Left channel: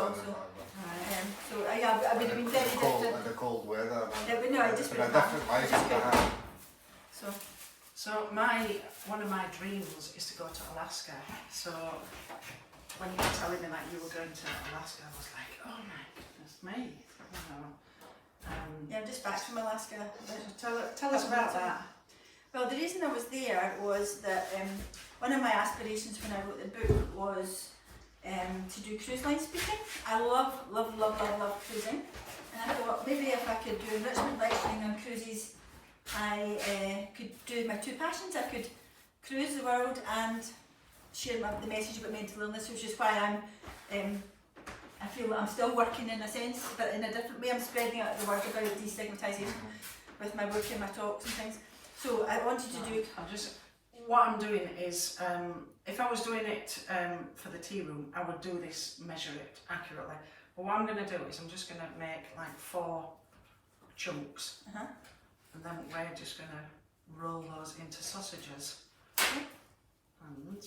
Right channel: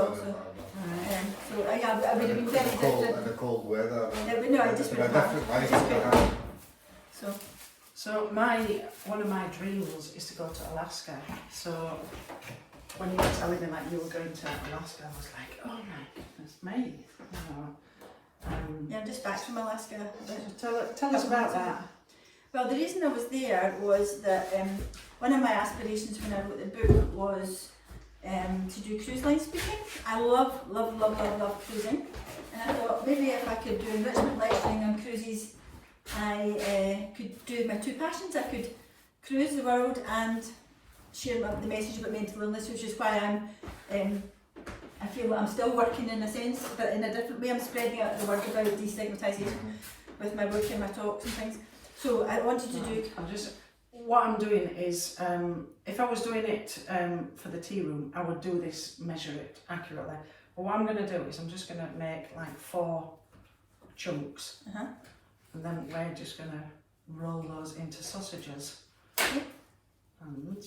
also. So I would have been very different. In the cold weather. It would, no, it just It's been would a have different life than I had. So, one of my dreams is to go to Alaska. So when you were telling me that you were going to Alaska, I was like, oh my goodness me. You know, yeah, I'm just back from Alaska. so tell us about that. Well, the reason I was there was that one of my aspirations when I wrote the book was to do cruise line speaking. I love cruising, and I thought maybe if I could do enrichment lecturing on cruises, I could do my two passions. I could cruise the world and share the message about mental illness, which is why I feel that I'm still working in a sense, but in a different way. I'm spreading out the word about destigmatisation with my work and my talks and things. So I wanted to do. What I'm doing is, if I was doing it for the tea room, I would do this, measure it accurately. But what I'm going to do is I'm just going to make like 4 chunks, and then we're just going to roll those into sausages. And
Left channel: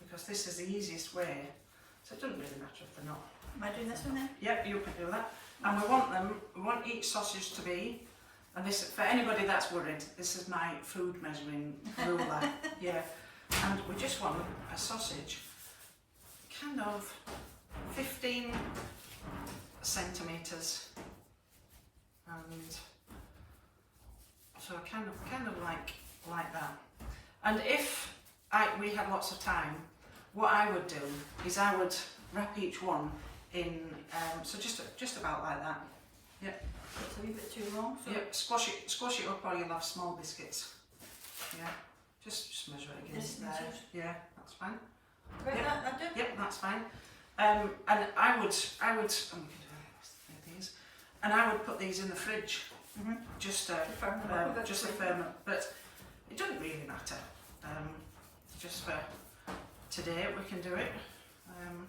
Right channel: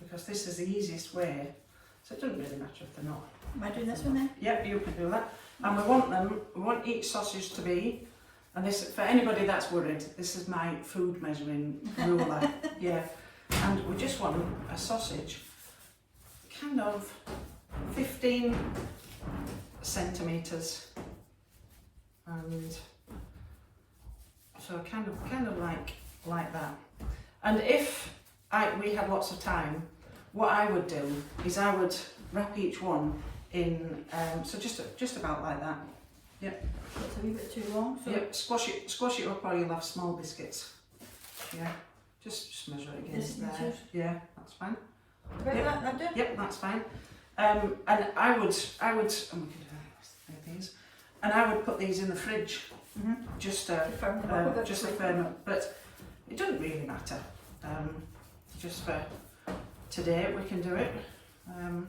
because this is the easiest way, so it doesn't really matter if they're not. Am I doing this one then? Yep, you can do that. And we want each sausage to be, and this, for anybody that's worried, this is my food measuring ruler. Yeah, and we just want a sausage kind of 15 centimetres, and so kind of like that. And if we had lots of time, what I would do is I would wrap each one in, so just about like that. Yep. It's a wee bit too long. So yep. Squash it up, or you'll have small biscuits. Yeah. Just measure it against there. Yeah, that's fine. Right, yep. that do? Yep, that's fine. And I would, and we can do these, and I would put these in the fridge, just to firm up. But it doesn't really matter. Just for today, we can do it. You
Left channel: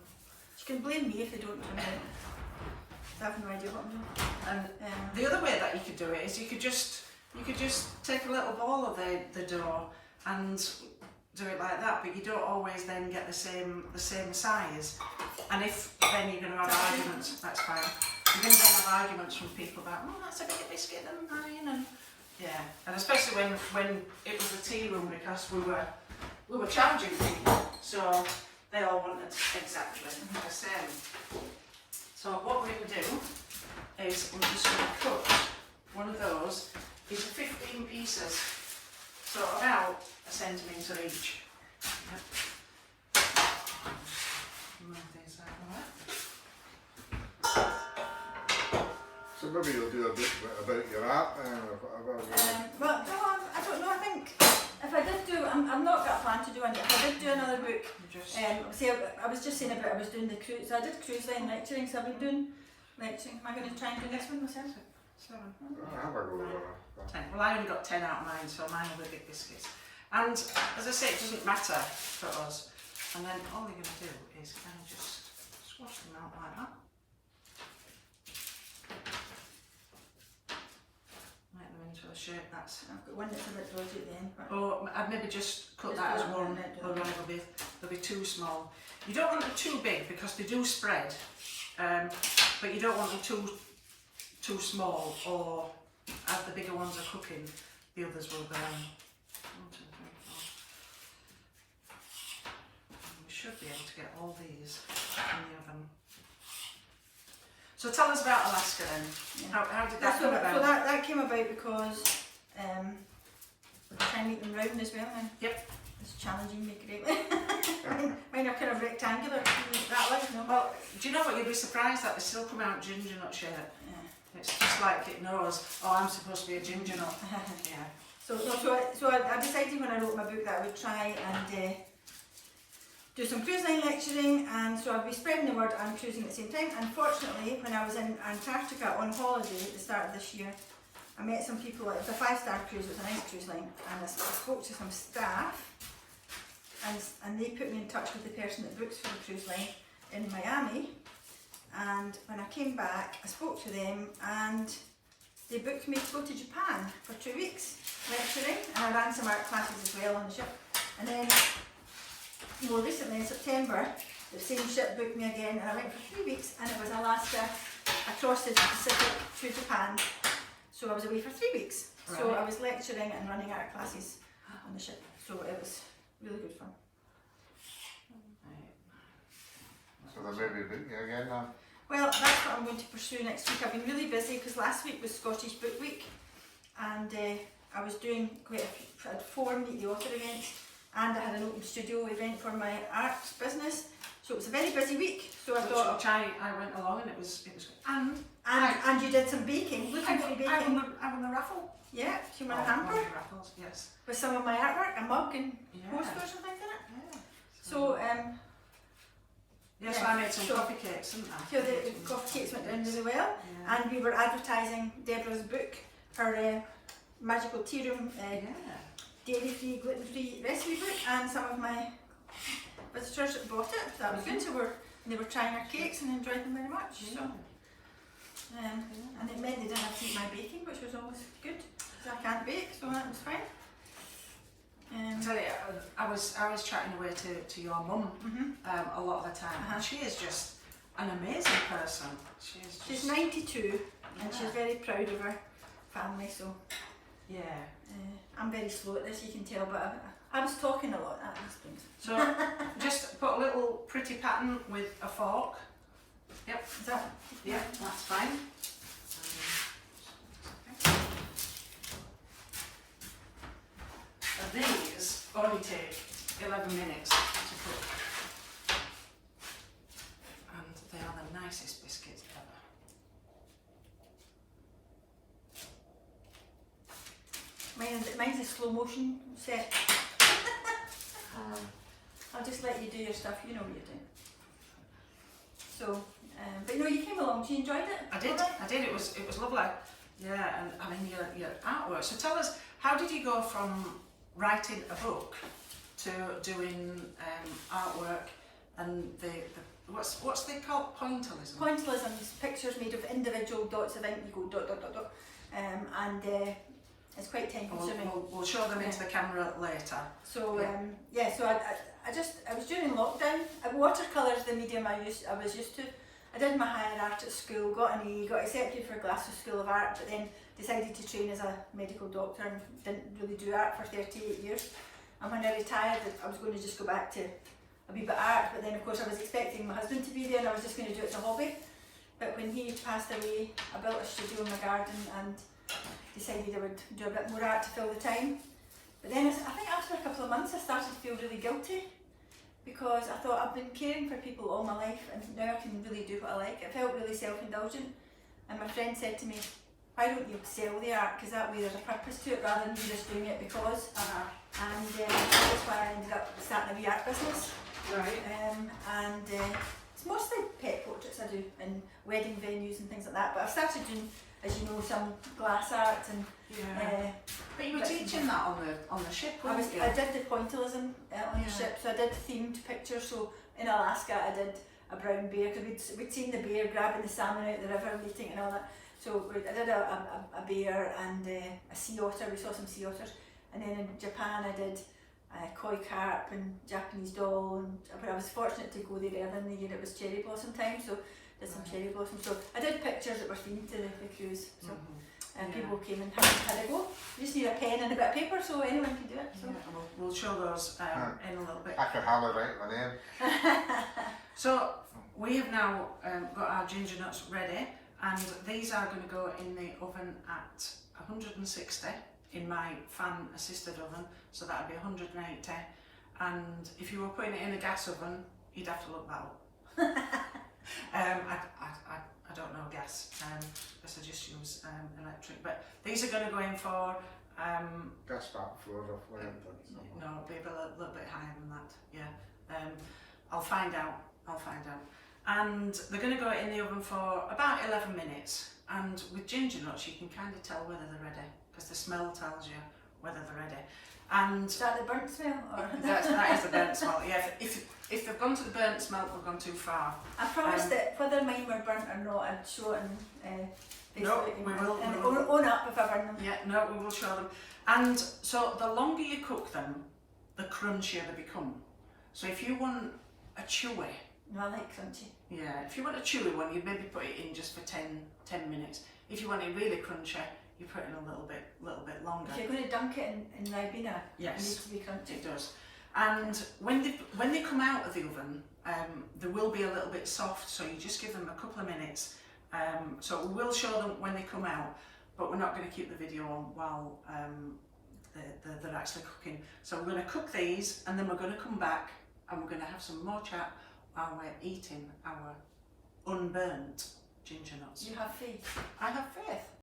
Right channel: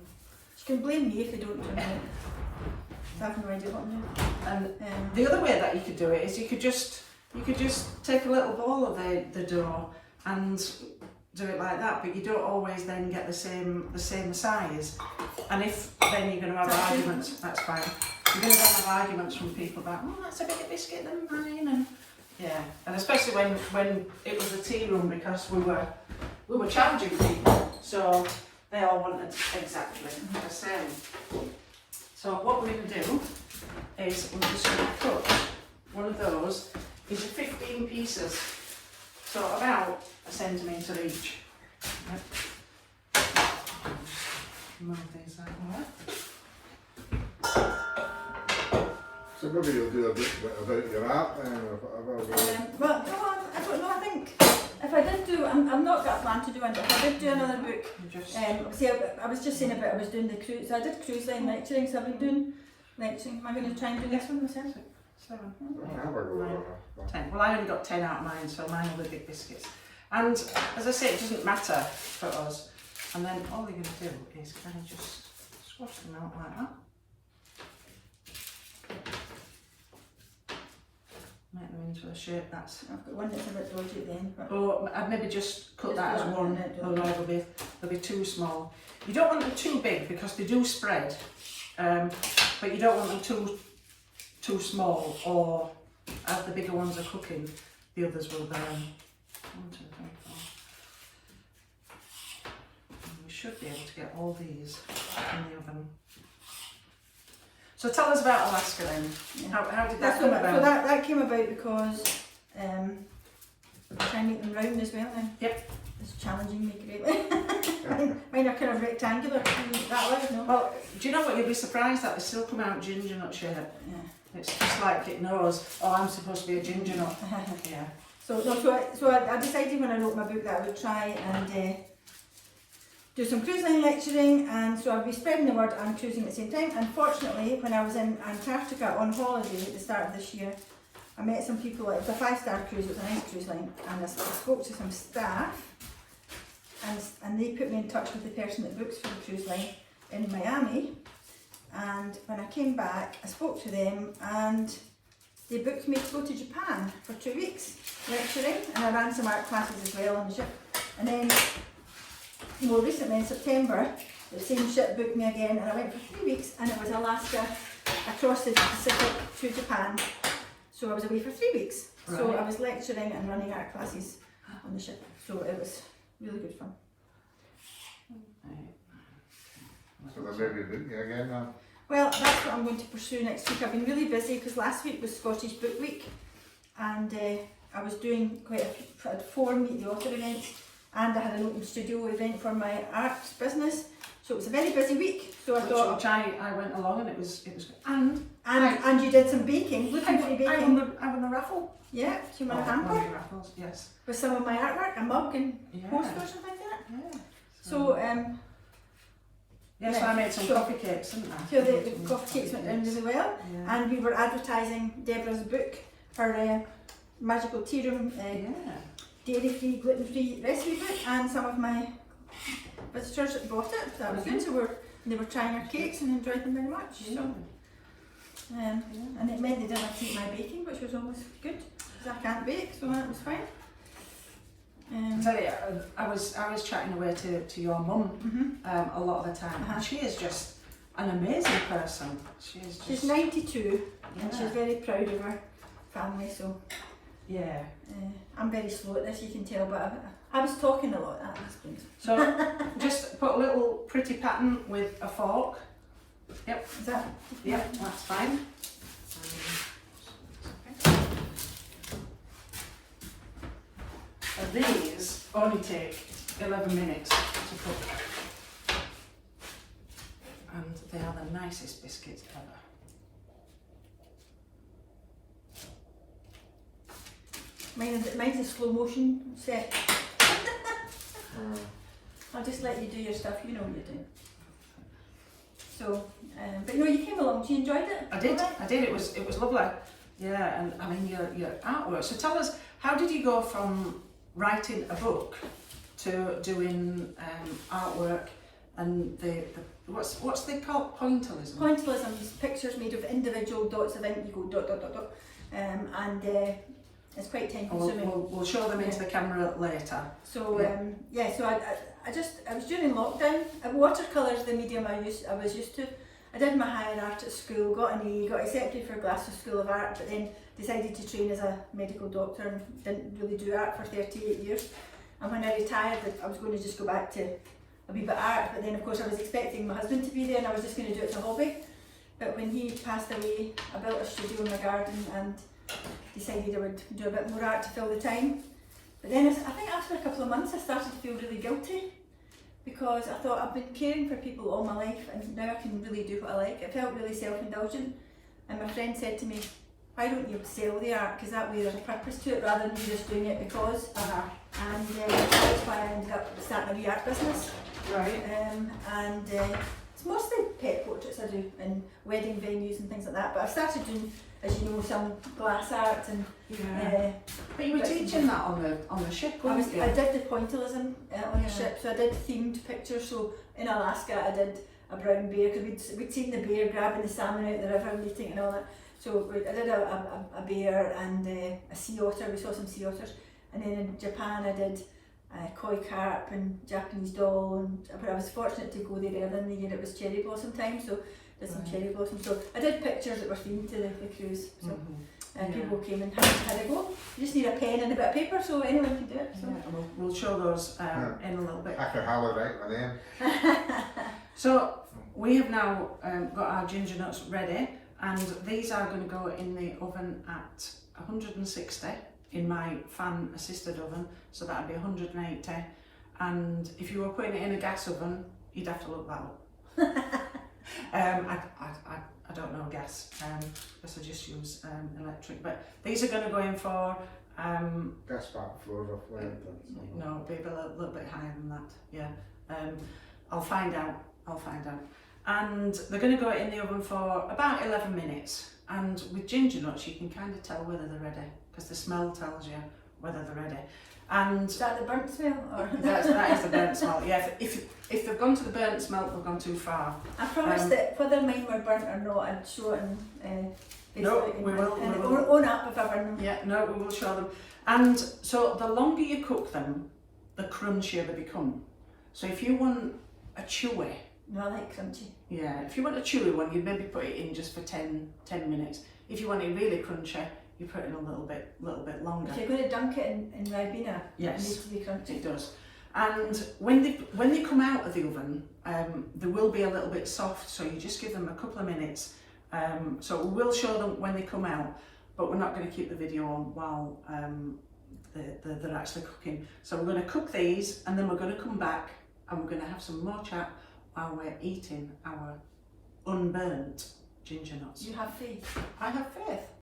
can blame me if they don't turn out. I have no idea what I'm doing. And the other way that you could do it is you could just take a little ball of the dough and do it like that, but you don't always then get the same size. And if then you're going to have arguments, that's fine. You're going to have arguments from people about, oh, that's a bigger biscuit than mine, and yeah, and especially when it was a tea room, because we were charging people, so they all wanted exactly the same. So what we're going to do is we're just going to cut one of those into 15 pieces, so about 1 centimetre each. Yep. Move these like that. So maybe you'll do a bit about your art then, well, no, I don't know. I think if I did do, I've not got a plan to do one, but if I did do another book, see, I was just saying about I was doing the cruise, so I did cruise line lecturing, so I've been doing lecturing. Am I going to try and do this one myself? 7. I'll have a go. 10. Well, I only got 10 out of mine, so mine are the big biscuits. And as I say, it doesn't matter for us. And then all you're going to do is kind of just squash them out like that. Make them into a shape that's... I've got one that's a bit dodgy at the end. But or I'd maybe just cut that as one, or they'll be too small. You don't want them too big because they do spread, but you don't want them too small, or as the bigger ones are cooking, the others will burn. 1, 2, 3, 4. And we should be able to get all these in the oven. So tell us about Alaska then. Yeah. How did that come about? So that came about because I try and make them round as well now. Yep. It's challenging me greatly. Mine are kind of rectangular, that way, no? Well, do you know what, you'll be surprised that they still come out ginger nut shape. Yeah. It's just like it knows, oh, I'm supposed to be a ginger nut. Yeah. So I decided when I wrote my book that I would try and do some cruise line lecturing, and so I'll be spreading the word and cruising at the same time. Unfortunately, when I was in Antarctica on holiday at the start of this year, I met some people. It was a 5-star cruise, it was a nice cruise line, and I spoke to some staff, and they put me in touch with the person that books for the cruise line in Miami. And when I came back, I spoke to them, and they booked me to go to Japan for 2 weeks lecturing, and I ran some art classes as well on the ship. And then more recently in September, the same ship booked me again, and I went for 3 weeks, and it was Alaska across the Pacific to Japan. So I was away for 3 weeks. So Right. I was lecturing and running art classes on the ship. So it was really good fun. So they'll maybe book you again now. Well, that's what I'm going to pursue next week. I've been really busy because last week was Scottish Book Week, and I was doing quite a few, I had 4 Meet the Author events, and I had an open studio event for my arts business. So it was a very busy week. So I thought, which I went along, and it was good. and you did some baking, gluten-free baking. I won the raffle. Yeah, you won a One hamper of the raffles, yes. with some of my artwork, a mug and Yeah. posters and things in it. Yeah. So Yes, yeah, I made some so- coffee cakes, didn't I? so the coffee cakes went down really well. Yeah. And we were advertising Deborah's book, her Magical Tea Room Yeah. dairy-free, gluten-free recipe book, and some of my visitors that bought it. That was good. So they were trying our cakes and enjoyed them very much. Yeah. So, and it meant they didn't have to eat my baking, which was always good because I can't bake, so that was fine. I tell you, I was chatting away to your mum a lot of the time. And she is just an amazing person. She's 92 and Yeah. she's very proud of her family. So yeah. I'm very slow at this, you can tell, but I was talking a lot. That explains. So just put a little pretty pattern with a fork. Yep. Is that? Yep, that's fine. And these only take 11 minutes to cook. And they are the nicest biscuits ever. Mine's a slow motion set. I'll just let you do your stuff, you know what you're doing. So, but no, you came along, you enjoyed it? I did, it was lovely. Yeah, and I mean your artwork. So tell us, how did you go from writing a book to doing artwork and the what's they called, pointillism? Pointillism is pictures made of individual dots of ink, you go dot dot dot dot, and it's quite time consuming. We'll show them into the camera later. So Yeah. so I was during lockdown. Watercolour is the medium I was used to. I did my higher art at school, got an A, got accepted for Glasgow School of Art, but then decided to train as a medical doctor and didn't really do art for 38 years. And when I retired, I was going to just go back to a wee bit of art, but then of course I was expecting my husband to be there and I was just going to do it as a hobby. But when he passed away, I built a studio in my garden and decided I would do a bit more art to fill the time. But then I think after a couple of months I started to feel really guilty, because I thought I've been caring for people all my life and now I can really do what I like. It felt really self-indulgent, and my friend said to me, why don't you sell the art, because that way there's a purpose to it rather than you just doing it because. And that's why I ended up starting a wee art business. Right. And it's mostly pet portraits I do in wedding venues and things like that, but I've started doing, as you know, some glass art and But you were teaching that on the ship, I weren't you? did the pointillism on the ship, so I did themed pictures. So in Alaska I did a brown bear, because we'd seen the bear grabbing the salmon out the river and eating it and all that. So I did a bear and a sea otter, we saw some sea otters. And then in Japan I did koi carp and Japanese doll, but I was fortunate to go there early in the year, it was cherry blossom time, so did some cherry blossom. So I did pictures that were themed to the cruise. So. People came and had a go. You just need a pen and a bit of paper, so anyone can do it. So. Yeah, we'll show those in a little bit. I could hardly write my name. So we have now got our ginger nuts ready, and these are going to go in the oven at 160 in my fan assisted oven, so that would be 180. And if you were putting it in a gas oven, you'd have to look that up. I don't know gas, because I just use electric. But these are going to go in for That's about 4 or 5. no, it'll be a little bit higher than that. Yeah, I'll find out. And they're going to go in the oven for about 11 minutes. And with ginger nuts, you can kind of tell whether they're ready, because the smell tells you whether they're ready. And is that the burnt smell? Or? that is the burnt smell. Yeah, if they've gone to the burnt smell, they've gone too far. I promised that whether mine were burnt or not, I'd show it in No, we will. Own up if I burn them. Yeah, no, we will show them. And so the longer you cook them, the crunchier they become. So if you want a chewy No, I like crunchy. Yeah, if you want a chewy one, you maybe put it in just for 10 minutes. If you want it really crunchy, you put it in a little bit longer. If you're going to dunk it in Ribena, Yes, it needs to be crunchy. it does. And when they come out of the oven, they will be a little bit soft, so you just give them a couple of minutes. So we will show them when they come out, but we're not going to keep the video on while they're actually cooking. So we're going to cook these, and then we're going to come back and we're going to have some more chat while we're eating our unburnt ginger nuts. You have faith. I have faith.